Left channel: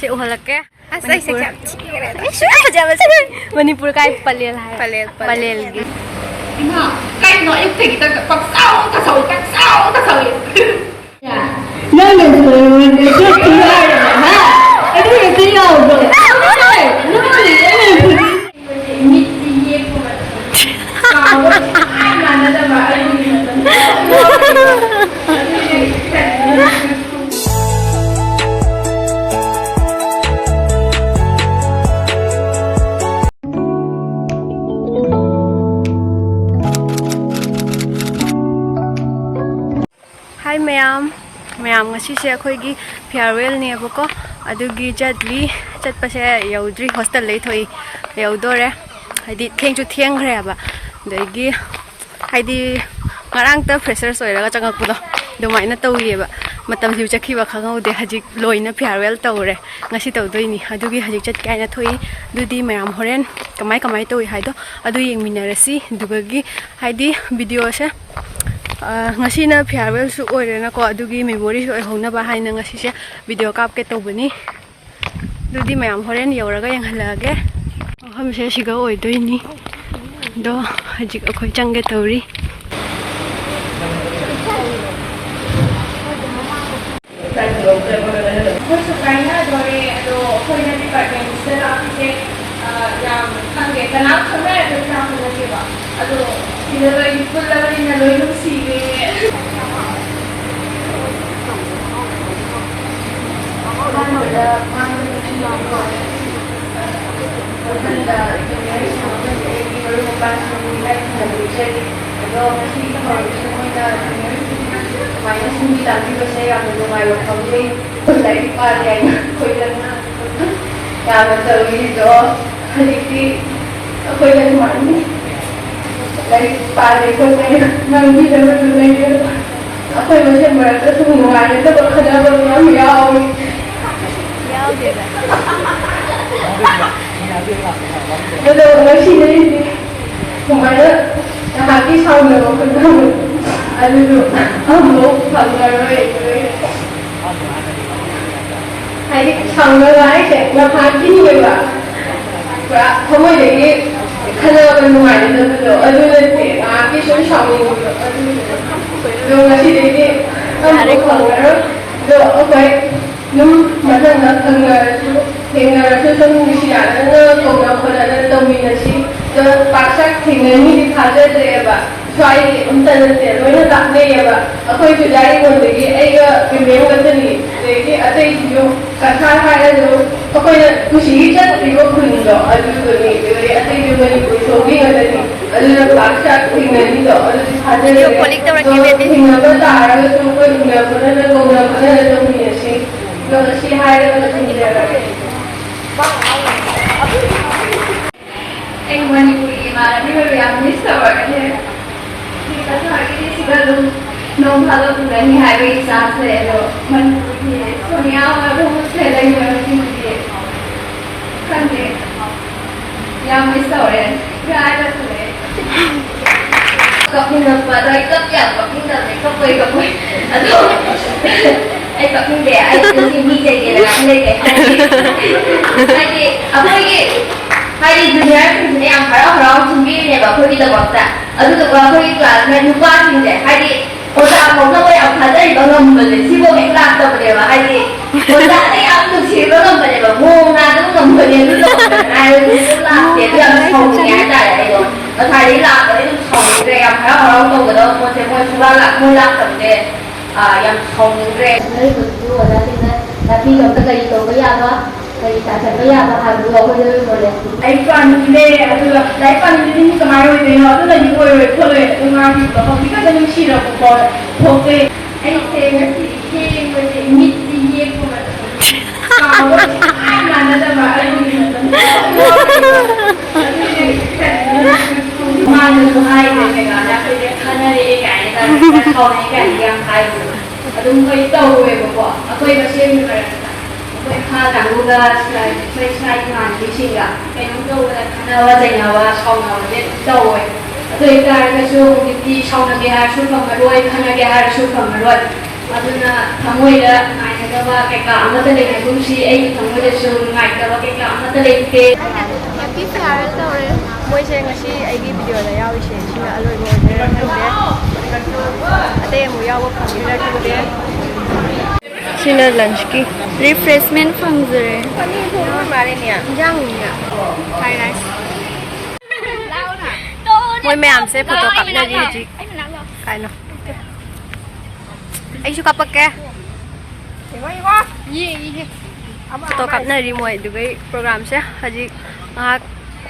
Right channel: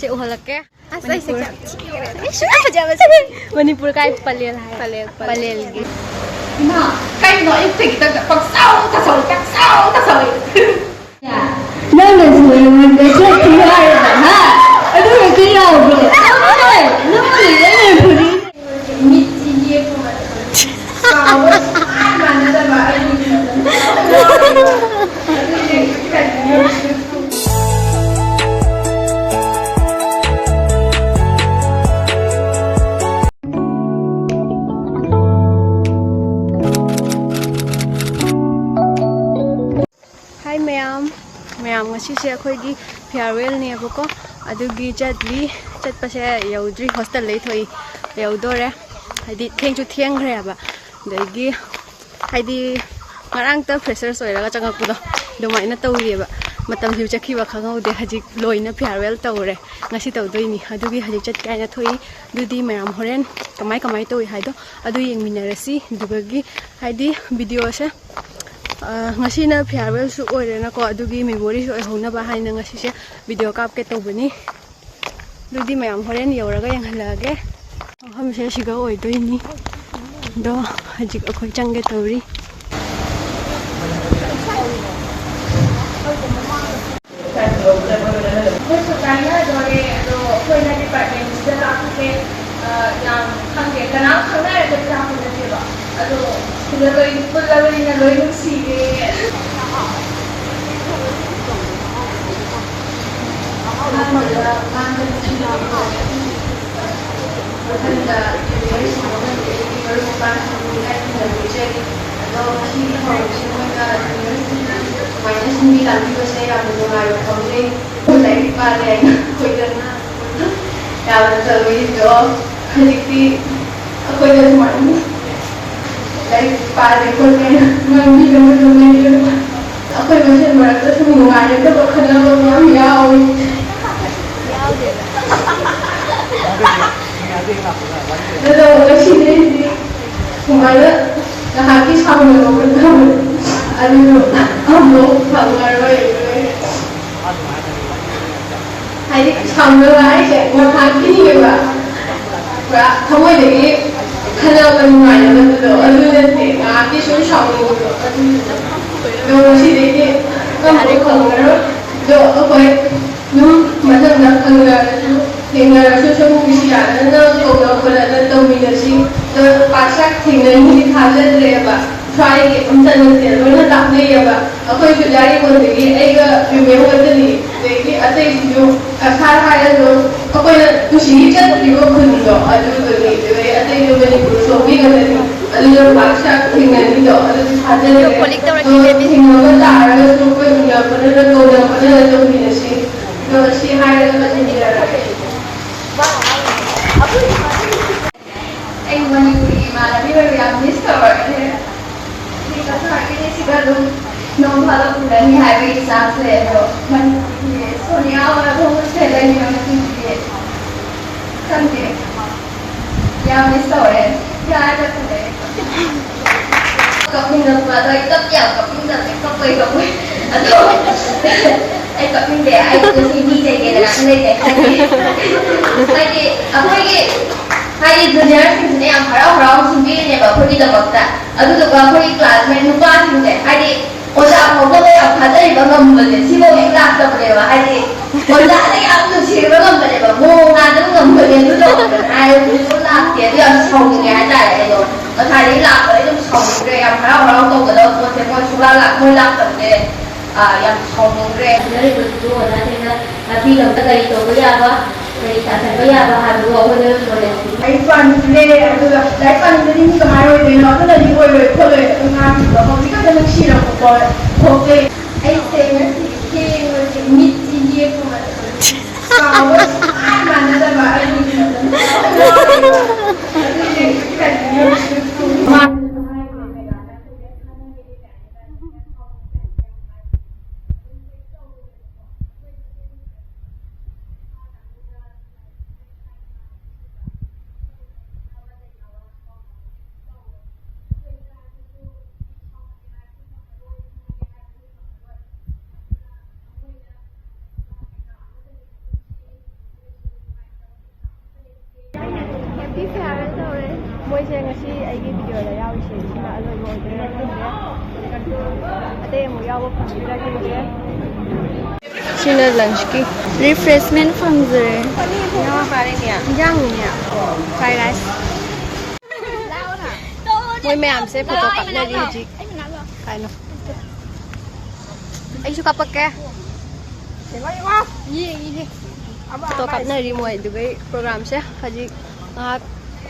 से उहलके मणिपुर का पलेल है पलेल की इमा कई नो एक थे कितना पक्साओ नहीं नहीं देखो क्या है हाँ अरे ये क्या हो गया हाय मैम ngasi अखोगी फेयरवेल नेबको अदुगी चटली चटपसे यौद्री हॉस्टल लेथोई leihwdore हाइदी थेंगचु थेंग्रेबा दगी हाइदी ngaraangta freshers oiraga changakpudo dumaina tawrieba matam hiu chtkhiba khnghwde hajik loina farewell tawre ngasi tawdoini adugi hajik chat kaina thoi dudi mayam horen kamai tawi haido adu yengminarasi dugagi haidi video se ngasi na farewell su oirena ko adugi memory su oihona ba haina ngasi se video kap ke tawbani dudi mayam horen yoraga yenghalage ham se siga oidoini do hajik akhoi changge tawri First of all, leihwdore do oina department se afike yam khangge kana khangna de kana khangna ke ba ado siloi pullai na loi lung si ge Mainnya sendiri tapi saya yang mendengar kami dari pada koi karena yang terlalu itu jadi aku yang mana dari pada koi karena nanti dapat mengajar aku yang masih merasa semua itu berkenaan dengan yau deh betul masih ini semuanya habis sama dengan aduh, हम लोग खबर रहे hai đi chồng nó lái sẽ qua hai cái gì vậy và không ai để khăn nào bên ngoài được rồi anh lên thì cái số chồng rồi là gì đấy không có khẩu đó rồi ở quay nó mà thằng nó thằng thì là số số người xí à nó cầu nó còn là đồng minh là gì rồi bác sắc thì người như đi tham gia đây à try ông ta nên tiền rồi nó đặt đây à bà tôi cứ giải con thì cái cái mấy con cái gì để cái ở đây thì nó cả hai rồi tôi cứ chỉ chất thì có khuyên đó ở chỗ rồi thì ở đây cái mình số cái cái này ở đây bác sắc thì mình đi đó ở đây thì nó có tả ra cái số cái gì đó nó câu nào nó trong mình là gì nó là gì hai đó là gì đó anh muốn đi mà là đi về làm gì sao vậy Karena ini sudah nombor dari hari Sabtu itu, Sonia orang saya yang mesti kan deh, yang mesti orang, ya ada tu deh. Kau pindah pada ikut ya, kau pindah deh, kau boleh, aduh, kau pindah, itu sini jadi orang deh, jadi apa lagi? Hai dunia ini yang orang sendiri ni bapak kita bakta, aduh tu bapak kita ni lupa sini, hai orang orang tu yang ada di bawah membeli, si bapak kita tak boleh lah, hai orang ni yang tu si bapak membeli, bapak orang tu membeli tu tu, hai tu lah, dia tu yang song ni aja ya itu, hai lah itu song ni yang orang tu kalau macam sudah lah, mulak tu deh, yang song ni. Dari itu tapi kalau dari itu apa? Dari tata kaya bahan dua boleh boleh. Leihpan ni, aduh, leihpan ini kemana itu? Aku dah di boleh boleh ngaji bahawa kita jangan sihir aku boleh. Okey. Saya mesti mesti ni aku macam. Kalau mana dah bahan ini. Mana tu hai ni kan? Aku dia kerana dia kan, kau ni kan yang hai. Aduh, kau tahu bahawa aku yang masih ni kan. Kha đảng luôn là xây xây hoàn cái gì cả cái nó đâu là khả năng dành nào và sau nào là biết đâu rồi rồi cái số đi sau là cái hai số phần mà đuôi khả năng cái hai số phần mà đuôi và nên là thằng ngồi đó này là ꯅꯨꯡꯉꯥꯏꯇꯕ ꯀꯩꯀꯥ ꯑꯃꯠꯇ ꯂꯩꯇꯦ ꯀꯨꯝꯁꯤ ꯑꯩꯒꯤ ꯊꯃꯣꯏꯗꯁꯨ ꯅꯨꯡꯉꯥꯏꯇꯕ ꯀꯩꯀꯥ ꯑꯃꯠꯇ ꯂꯩꯇꯦ ꯍꯦꯄꯤ ꯐꯤꯌꯥꯔꯋꯦꯜ ꯇꯧꯔꯦ ꯃꯣꯏꯁꯦ ꯉꯁꯤ ꯑꯩꯒꯤ ꯚꯤꯗꯤꯑꯣꯗ ꯌꯥꯎꯔꯤꯁꯦ ꯁꯤꯅ ꯑꯂꯣꯏꯕ ꯑꯣꯏꯗꯣꯏꯔꯥ ꯈꯪꯗꯦ ꯑꯇꯩ ꯑꯃꯨꯛ ꯌꯥꯎꯕ ꯐꯪꯒꯗ꯭ꯔꯥ ꯈꯪꯗꯦ ꯁꯤꯅ ꯂꯟꯆꯀꯤ ꯔꯤꯐ꯭ꯔꯦꯁꯃꯦꯟ ꯐꯪꯖꯔꯦ ꯏꯟꯖꯥꯡꯅꯤꯅꯦ ꯐ꯭ꯔꯥꯏ ꯔꯥꯏꯁ ꯃꯣꯏ ꯃꯌꯥꯝꯁꯦ ꯐꯣꯇꯣ ꯀꯥꯞꯅꯔꯤ ꯍꯧꯖꯤꯛ ꯀꯥꯏꯅꯣ ꯑꯩꯁꯨ ꯀꯥꯞꯄꯛꯀꯦ ꯐꯣꯇꯣ ꯀꯥꯞꯅꯔꯤ ꯃꯣꯏ ꯑꯗꯨꯒꯩ ꯄ꯭ꯔꯣꯒ꯭ꯔꯥꯝꯁꯦ ꯍꯧꯖꯤꯛ ꯉꯥꯏꯍꯥꯛ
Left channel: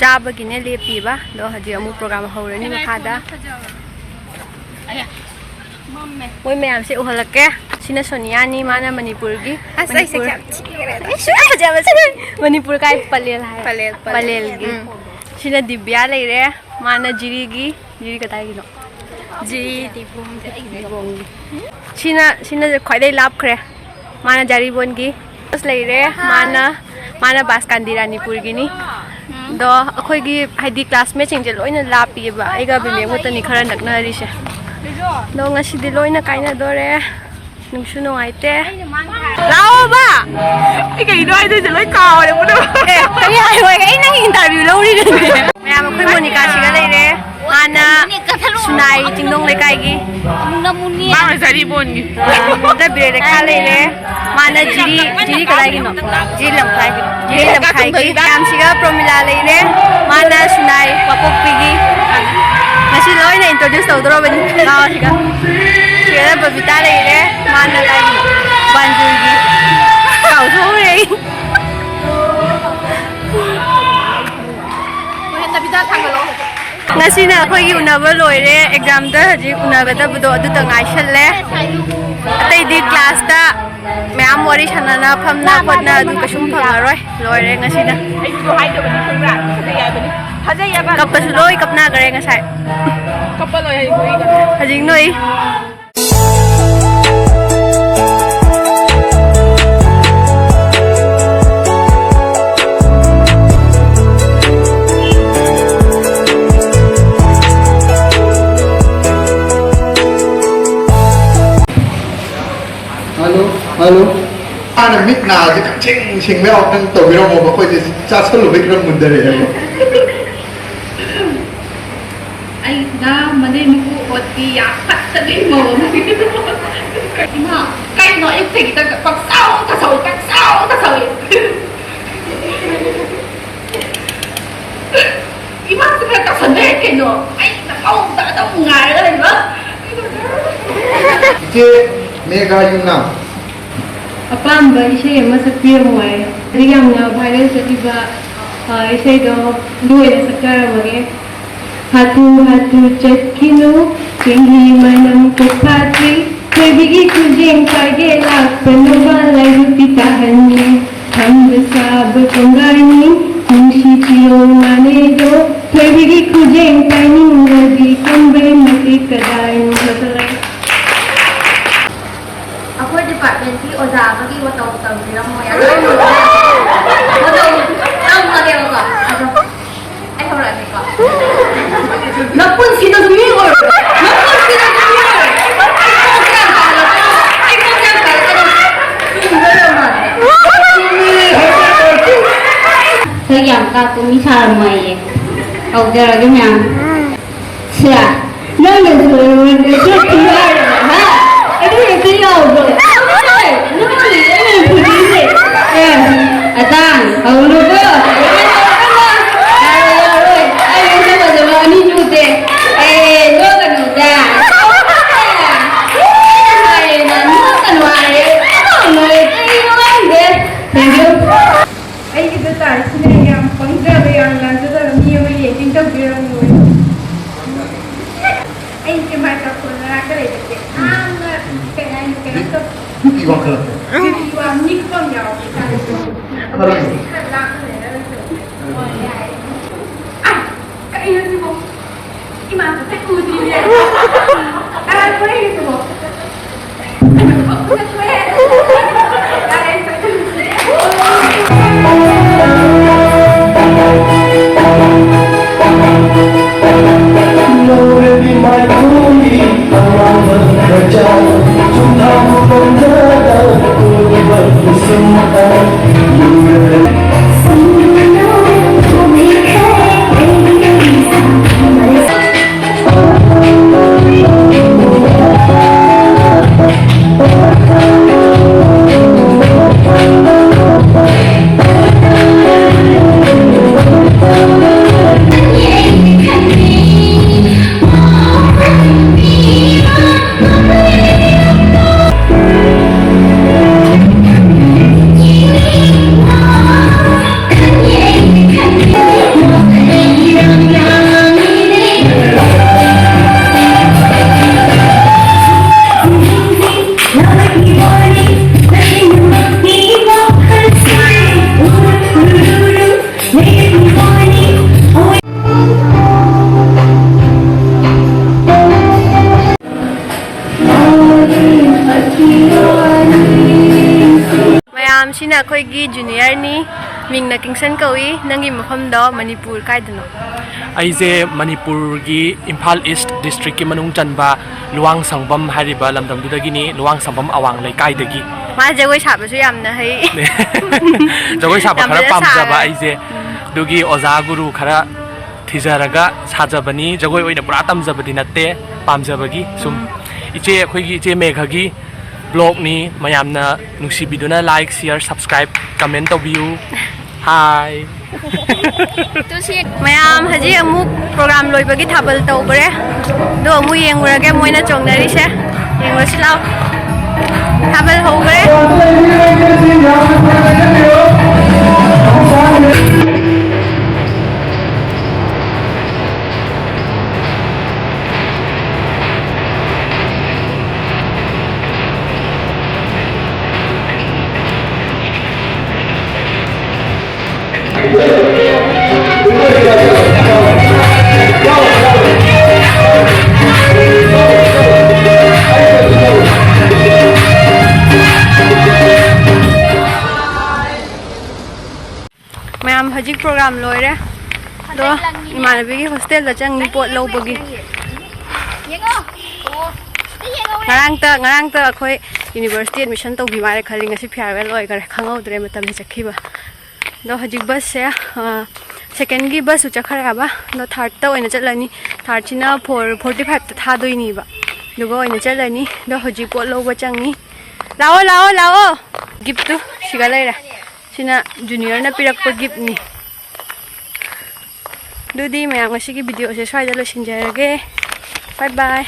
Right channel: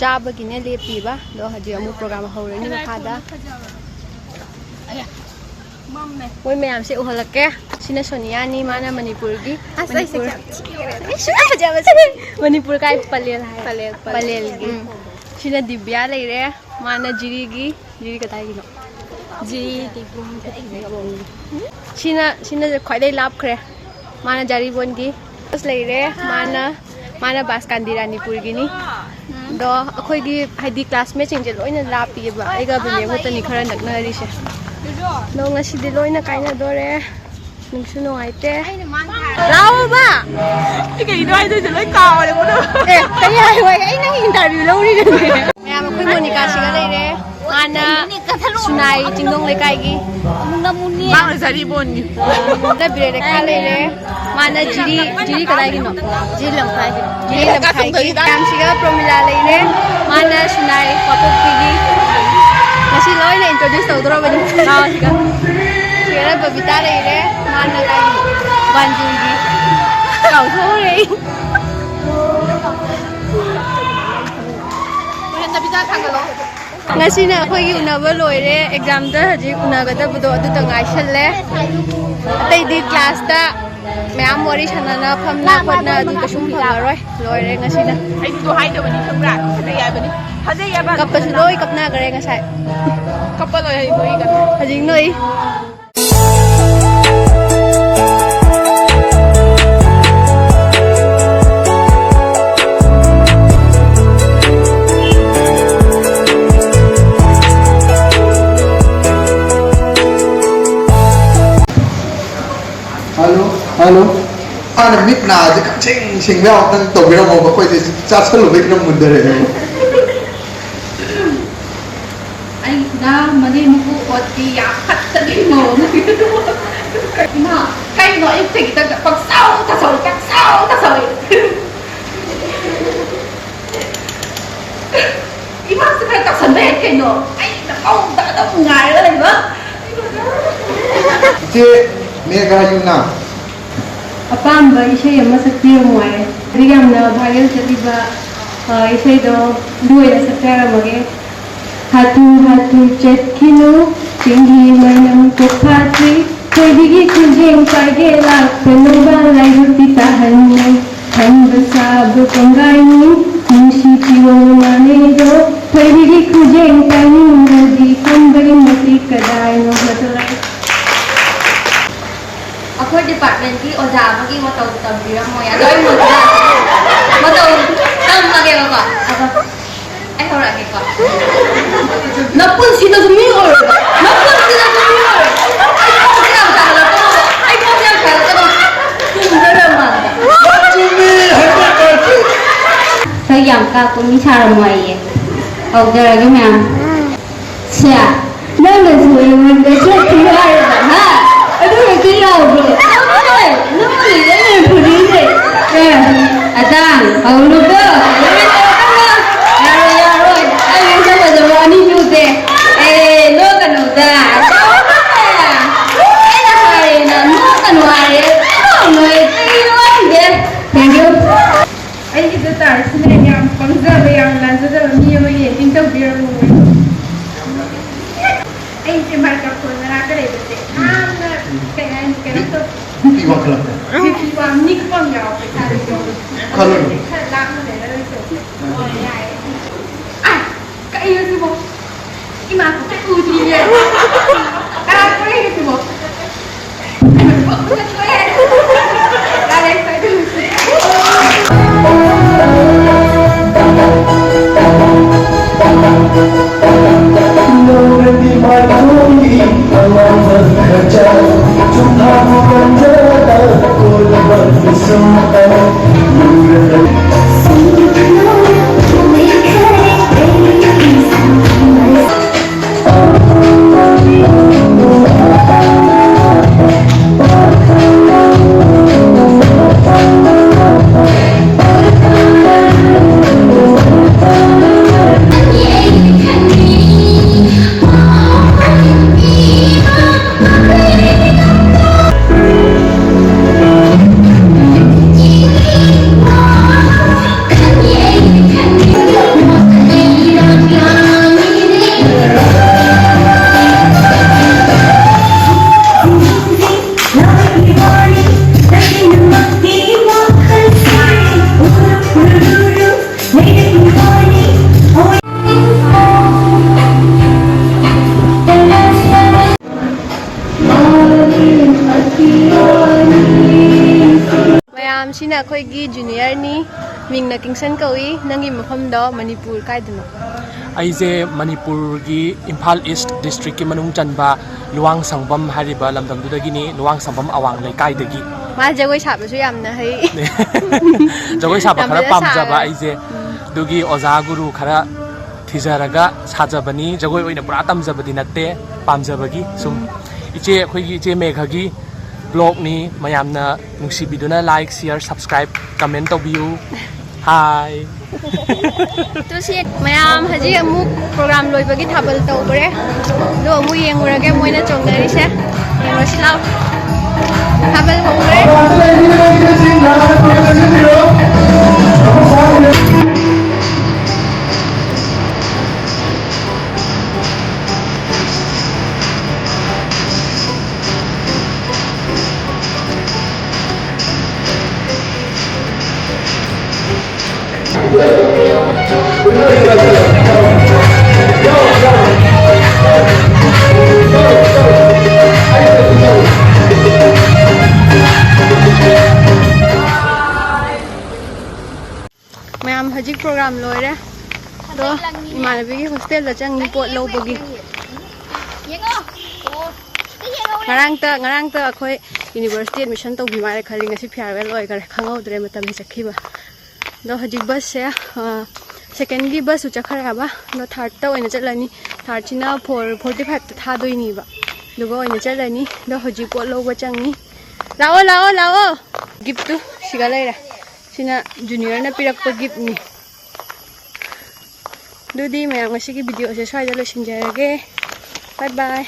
ꯆꯥꯕꯒꯤꯅꯦ ꯂꯦꯞꯄꯤꯕ ꯑꯗꯣ ꯍꯧꯖꯤꯛ ꯑꯃꯨꯛ ꯄ꯭ꯔꯣꯒ꯭ꯔꯥꯝ ꯍꯧꯔꯅꯤ ꯃꯈꯥꯗ ꯃꯣꯏ ꯃꯌꯥꯝꯁꯦ ꯎꯍꯜꯂꯛꯀꯦ ꯁꯤꯅ ꯁꯣꯅꯤꯌꯥꯅꯤ ꯃꯥꯅ ꯃꯅꯤꯄꯨꯔꯒꯤ ꯃꯅꯤꯄꯨꯔ ꯀꯥꯏ ꯄꯂꯦꯜ ꯍꯥꯏ ꯄꯂꯦꯜꯒꯤ ꯁꯤꯅ ꯗꯤꯕ꯭ꯌꯥ ꯂꯩꯔꯦ ꯃꯥꯅ ꯖꯤꯔꯤꯒꯤ ꯖꯤꯔꯤ ꯀꯗꯥꯏꯒꯤꯅꯣ ꯁꯤꯅ ꯈ꯭ꯋꯥꯏꯗꯩ ꯂꯥꯞꯈ꯭ꯔꯦ ꯃꯥꯅ ꯖꯥꯔꯤꯕꯣꯟꯒꯤ ꯂꯩꯔꯦ ꯃꯥꯅ ꯕꯥꯁꯀꯥꯟꯗꯤ ꯔꯥꯅꯤꯄꯨꯔꯒꯤꯅꯤ ꯑꯗꯣ ꯑꯩꯈꯣꯏꯒꯤ ꯍꯥꯏꯗꯤ ꯀ꯭ꯂꯥꯁꯃꯦꯠꯁꯤꯡꯁꯦ ꯂꯣꯏꯅ ꯂꯥꯞꯄꯤꯑꯕ ꯑꯩꯒ ꯕꯤꯃꯦꯛꯃꯨꯛꯇꯅꯤ ꯈꯔ ꯅꯛꯅꯔꯤꯁꯦ ꯑꯗꯣ ꯉꯁꯤꯗꯤ ꯂꯣꯏꯅ ꯀꯥꯏꯅꯗꯣꯔꯦ ꯅꯨꯡꯁꯨ ꯅꯨꯡꯉꯥꯏꯇꯦ ꯂꯥꯛꯑꯣꯕ ꯑꯩ ꯀꯩꯅꯣ ꯍꯥꯏꯗꯣꯏꯁꯦ ꯂꯣꯏ ꯀꯥꯎꯔꯦ ꯑꯦ ꯀꯔꯤ ꯍꯥꯏꯔꯣꯏ ꯑꯩ ꯅꯪ ꯏꯟꯇꯔꯚꯤꯌꯨ ꯂꯧꯔꯤꯅꯦ ꯃꯌꯥꯝ ꯑꯩꯈꯣꯏ ꯃꯣꯅꯤꯀꯥꯁꯤꯒ ꯂꯩꯔꯦ ꯃꯥꯅ ꯁꯨꯅꯥꯏ ꯆꯤꯡꯗꯣꯡ ꯂꯩꯀꯥꯏꯒꯤ ꯃꯥꯅ ꯖꯥꯔꯤꯕꯣꯟꯒꯤ ꯕꯤꯔꯦꯈꯥ ꯂꯩꯔꯦ ꯃꯥꯅ ꯖꯤꯔꯤ ꯀꯗꯥꯏꯒꯤꯅꯣ ꯖꯤꯔꯤ ꯂꯝꯈꯥꯏꯒꯤ ꯃꯌꯥꯝꯁꯤꯒ ꯄ꯭ꯔꯣꯃꯤꯂꯥ ꯂꯩꯔꯦ ꯃꯥꯅ ꯁꯨꯅꯥꯏ ꯋꯥꯄꯣꯛꯄꯤꯒꯤ ꯉꯁꯤ ꯂꯣꯏꯅ ꯏꯟꯇ꯭ꯔꯣꯗ꯭ꯌꯨꯁ ꯇꯧꯗꯣꯔꯕꯅꯤ ꯂꯥꯛꯑꯣ ꯁꯤꯒ ꯕꯕꯤꯇꯥ ꯂꯩꯔꯦ ꯃꯥꯅ ꯀꯥꯏꯒꯤꯅꯣ ꯕꯥꯟꯖꯨꯔꯒꯤ ꯀꯥꯎꯊꯣꯛꯎꯔꯦ ꯑꯩ ꯉꯁꯤꯅ ꯑꯩꯈꯣꯏꯒꯤ ꯎꯅꯕ ꯂꯣꯏꯔꯦ ꯑꯦꯛꯖꯥꯝꯗ ꯍꯧꯖꯤꯛ ꯎꯅꯒꯗꯕꯗꯣ ꯑꯗꯨꯗ ꯉꯥꯏꯁꯜꯂꯦ ꯑꯇꯩꯗꯤ ꯀ꯭ꯂꯥꯁꯇ ꯃꯌꯥꯝ ꯋꯥꯔꯤ ꯁꯥꯟꯅꯅ ꯐꯝꯅ ꯈꯣꯠꯅ ꯑꯗꯨ ꯀꯩꯁꯨꯝ ꯐꯪꯉꯔꯣꯏ ꯂꯣꯏꯔꯦ ꯉꯁꯤꯅ ꯀꯞꯄꯁꯨ ꯂꯣꯏ ꯀꯞꯅꯈ꯭ꯔꯦ ꯉꯁꯥꯏ ꯍꯧꯖꯤꯛ ꯅꯣꯏ Halo. Ana mik na je kan sing me ok nang to biro mo ba ko je cha salo be kram mundare ya. Ai na mane mi ku pot ki ya phat ta di mo na. Ima kai no ik thik ta pak sao ta soi. Ima sa ka san de ke no. Ai na au ta da ngai la ni ba. Je mega yuna. ꯑꯄꯥꯝꯕ ꯏꯁꯩ ꯑꯃ ꯁꯛꯄꯤꯔꯝꯃꯣ ꯍꯥꯏꯌꯦ ꯍꯧꯖꯤꯛ ꯌꯥꯝꯅ viral ꯆꯠꯂꯤꯕ ꯏꯁꯩꯗꯣ ꯑꯗꯨ ꯑꯣꯏꯅ ꯁꯛꯆꯔꯝꯃꯒꯦ ꯍꯥꯊꯨ ꯍꯥꯊꯨ ꯆꯠꯈꯤꯅꯨ ꯆꯤꯡꯍꯤ ꯃꯅꯝ ꯀꯣꯛꯐꯥꯠꯇ꯭ꯔꯤ ꯊꯣꯏꯕꯤꯒꯤ ꯈꯨꯖꯦꯡ ꯄꯥꯏꯒꯦ ꯂꯥꯛꯄꯅꯣꯕ ꯂꯥꯏꯕꯛꯇꯤ ꯇꯥꯍꯟꯅꯤ ꯈꯪꯕ ꯁꯥꯕ ꯀꯣꯡꯒꯥꯏꯅꯤ ꯅꯨꯡꯁꯤ ꯄꯤꯌꯣ ꯃꯥꯅꯦꯗꯣ ꯊꯣꯏꯕꯤꯒꯤ ꯈꯨꯖꯦꯡ ꯄꯥꯏꯅꯤꯡꯉꯗꯤ ꯀꯟꯕꯩ ꯃꯇꯤꯛ ꯀꯗꯥꯏꯅꯣ ꯑꯩꯈꯣꯏ ꯗꯤꯄꯥꯔꯠꯃꯦꯟꯠꯀꯤ ꯑꯣꯖꯥ ꯑꯃꯒꯤ ꯃꯇꯧ ꯇꯝꯕꯤꯔꯝꯃꯣꯏ ꯑꯗꯣ ꯃꯇꯧ ꯇꯝꯃꯒꯦꯕꯀꯣ ꯑꯩ ꯍꯧꯔꯛꯑꯒꯦꯀꯣ ꯅꯄꯨꯟꯁꯤꯗꯁꯨ ꯃꯤ ꯑꯣꯏꯔꯣꯏ ꯅꯄꯨꯟꯁꯤꯗꯁꯨ ꯃꯤ ꯑꯣꯏꯔꯣꯏ ꯑꯩ ꯈꯣꯡꯁꯦ ꯌꯥꯝ ꯐꯔꯛꯀꯅꯣ ꯆꯨꯝꯗꯣꯏꯔ ꯃꯥꯜꯂꯦ ꯁꯛ ꯌꯥꯝ ꯀꯥꯞꯄ ꯃꯤ ꯁꯥꯔꯝꯃꯣꯏꯌꯦ ꯍꯧꯖꯔꯒꯦ ꯃꯌꯥꯝ ꯁꯦ ꯅꯪꯅꯁꯨ ꯑꯩꯉꯣꯟꯗ ꯆꯠꯈꯤꯕ ꯍꯥꯏꯔꯕ ꯍꯥ ꯑꯗꯨ ꯍꯦꯛꯇ ꯌꯥꯎꯕ꯭ꯔꯣ ꯅꯪꯒꯤꯗꯅꯦ ꯐꯨꯗꯤꯁꯦ ꯑꯇꯥꯡ ꯍꯧꯔꯨꯀꯣ ꯌꯥꯔꯣꯏ ꯑꯩ ꯃꯁꯛ ꯐꯖꯕ ꯑꯅꯤ ꯄꯨꯁꯦ ꯅꯣꯛꯀꯅꯨꯗ ꯑꯩꯅ ꯍꯥꯏꯔꯦꯅ ꯅꯣꯛꯀꯅꯨ ꯍꯥꯏꯔꯦ ꯅꯣꯏ ꯀꯩꯅꯣ ꯈꯪꯗꯦ ꯑꯩꯒꯤꯗ ꯇꯥꯔꯤꯁꯤꯅ ꯌꯥꯝ ꯄꯪꯖꯕ ꯌꯥꯝ ꯂꯥꯟꯖꯗꯕ ꯃꯤ ꯑꯃ ꯌꯦꯡꯁꯤꯟ ꯇꯧꯕꯤꯔꯝꯃꯣ ꯑꯩꯁꯦ ꯃꯥꯏꯀ꯭ꯔꯣꯐꯣꯟ ꯃꯅꯥꯛꯇ ꯂꯩꯕꯁꯦ ꯌꯥꯝꯅ ꯀꯩꯅꯣ ꯇꯧ Ki wa kala. ꯋꯥ ꯅꯤꯛꯄ ꯑꯃ ꯌꯥꯎꯋꯦ Kala. ꯈꯔ ꯂꯥꯞꯅ ꯂꯩꯔꯒꯁꯨ ꯀꯩꯅꯣ ꯁꯤꯕꯣ ꯏꯃꯥ ꯎꯗ꯭ꯔꯤꯅꯦ ꯀꯅꯥ ꯀꯣꯏꯔꯤꯁꯤꯕꯣ ꯑꯩꯈꯣꯏꯒꯤ ꯖꯨꯅꯤꯌꯔꯅꯤ ꯃꯤꯡꯅ ꯀꯤꯡꯁꯟ ꯀꯧꯏ ꯅꯪꯒꯤ ꯃꯐꯝꯗꯣ ꯃꯅꯤꯄꯨꯔ ꯀꯥꯏꯗꯅꯣ ꯑꯩꯁꯦ ꯃꯅꯤꯄꯨꯔꯒꯤ ꯏꯝꯐꯥꯜ ꯏꯁ ꯗꯤꯁꯇ꯭ꯔꯤꯛꯀꯤ ꯃꯅꯨꯡ ꯆꯟꯕ ꯂꯨꯋꯥꯡ ꯁꯪꯕꯝ ꯍꯥꯏꯔꯤꯕ ꯂꯝꯗꯝꯗꯨꯗꯒꯤꯅꯤ ꯂꯨꯋꯥꯡ ꯁꯪꯕꯝ ꯑꯋꯥꯡ ꯂꯩꯀꯥꯏꯗꯒꯤ ꯃꯥ ꯖꯒꯣꯏ ꯁꯥꯕꯁꯨ ꯌꯥꯝꯅ ꯍꯩ ꯖꯒꯣꯏ ꯁꯥꯕ ꯌꯥꯝ ꯈꯔ ꯐꯖꯅ ꯄꯥꯝꯖꯕ ꯁꯥꯔꯦ ꯑꯩꯁꯦ ꯑꯗꯨꯒꯤ ꯑꯣꯖꯥ ꯒꯨꯔꯨ ꯈꯔ ꯊꯤꯖꯔꯒ ꯁꯥꯖꯕꯅꯤ ꯖꯒꯣꯏ ꯑꯣꯏꯅ ꯄꯨꯔꯥ ꯇꯝꯖꯕꯗꯤ ꯅꯠꯇꯦ ꯄꯥꯝꯖꯕꯒꯤ ꯁꯨꯝ ꯏꯆꯦ ꯑꯩꯈꯣꯏꯒꯤ ꯏꯆꯦ ꯃꯦꯘꯒꯤ ꯕ꯭ꯂꯣꯛꯅꯤ ꯃꯌꯥꯝꯅ ꯅꯨꯡꯁꯤꯕꯤꯗꯨꯅ ꯂꯥꯏꯛ ꯁꯤꯌꯔ ꯁꯕꯁꯀ꯭ꯔꯥꯏꯕ ꯀꯃꯦꯟ ꯇꯧꯕꯤꯌꯨ ꯍꯥꯏ ꯃꯌꯥꯝ ꯍꯧꯖꯤꯛ ꯑꯃꯨꯛ ꯄ꯭ꯔꯣꯒ꯭ꯔꯥꯝ ꯂꯣꯏꯕꯒꯤ ꯊꯥꯕꯜ ꯇꯧꯈ꯭ꯔꯦ ꯑꯗꯣ ꯑꯃꯨꯛ ꯌꯦꯡꯉꯨꯔꯒꯦ ꯃꯣꯏꯅ ꯆꯣꯡꯅꯔꯤꯁꯦ ꯌꯦꯡꯉꯨꯔꯁꯤ ꯂꯥꯎ ꯊꯥꯕꯜ ꯍꯧꯈ꯭ꯔꯦ ꯃꯌꯥꯝ ꯍꯧꯖꯤꯛ ꯄ꯭ꯔꯣꯒ꯭ꯔꯥꯝ ꯂꯣꯏꯔꯦ ꯑꯗꯣ ꯏꯃꯥꯟꯅꯕꯤꯒꯤ ꯍꯣꯁꯇꯦꯜꯗ ꯆꯪꯉꯤ ꯄꯣꯠ ꯂꯧꯕꯒꯤ ꯉꯔꯥꯡꯇ ꯑꯩꯈꯣꯏ ꯌꯨꯅꯤꯚꯔꯁꯤꯇꯤ ꯑꯦꯗꯃꯤꯁꯟ ꯇꯧꯕꯤ ꯃꯥꯜꯂꯦ ꯈꯜꯂꯤ ꯉꯁꯤ ꯐꯤꯌꯥꯔꯋꯦꯜ ꯑꯣꯏꯈꯔꯦ ꯈꯪꯍꯧꯗ꯭ꯔꯦ ꯃꯇꯝꯁꯦ ꯆꯠꯈꯤꯕ ꯑꯗꯣ ꯍꯧꯖꯤꯛ ꯕꯁꯁꯦ ꯁꯦꯀꯦꯟꯒꯤ ꯕꯁꯁꯨ ꯆꯠꯈ꯭ꯔꯦꯕ ꯑꯗꯣ ꯊꯥꯔꯠꯇ ꯑꯣꯏꯅ ꯆꯠꯂꯅꯤ ꯊꯥꯔꯠꯁꯤꯅ 4:45ꯗ ꯊꯥꯗꯣꯏꯅꯤꯕ ꯑꯗꯨꯒ ꯑꯣꯏꯅ ꯆꯠꯂꯅꯤ ꯑꯗꯣ ꯍꯧꯖꯤꯛ ꯄꯣꯠ ꯂꯧꯕ ꯆꯪꯉꯤ ꯂꯥꯛꯑꯣ ꯂꯥꯛꯑꯣ ꯂꯥꯛꯑꯣ ꯒꯤꯐꯇꯨ ꯁꯤꯒ ꯂꯩꯔꯦ ꯁꯤꯅ ꯖꯨꯅꯤꯌꯔꯅ ꯄꯤꯔꯛꯄ ꯒꯤꯐꯅꯤ ꯑꯗꯨꯗꯤ ꯃꯌꯥꯝ ꯉꯁꯤꯒꯤ ꯚꯤꯗꯤꯑꯣꯁꯦ ꯁ꯭ꯋꯥꯏꯗ ꯂꯣꯏꯁꯤꯟꯖꯔꯒꯦ ꯕꯥꯏ ꯕꯥꯏ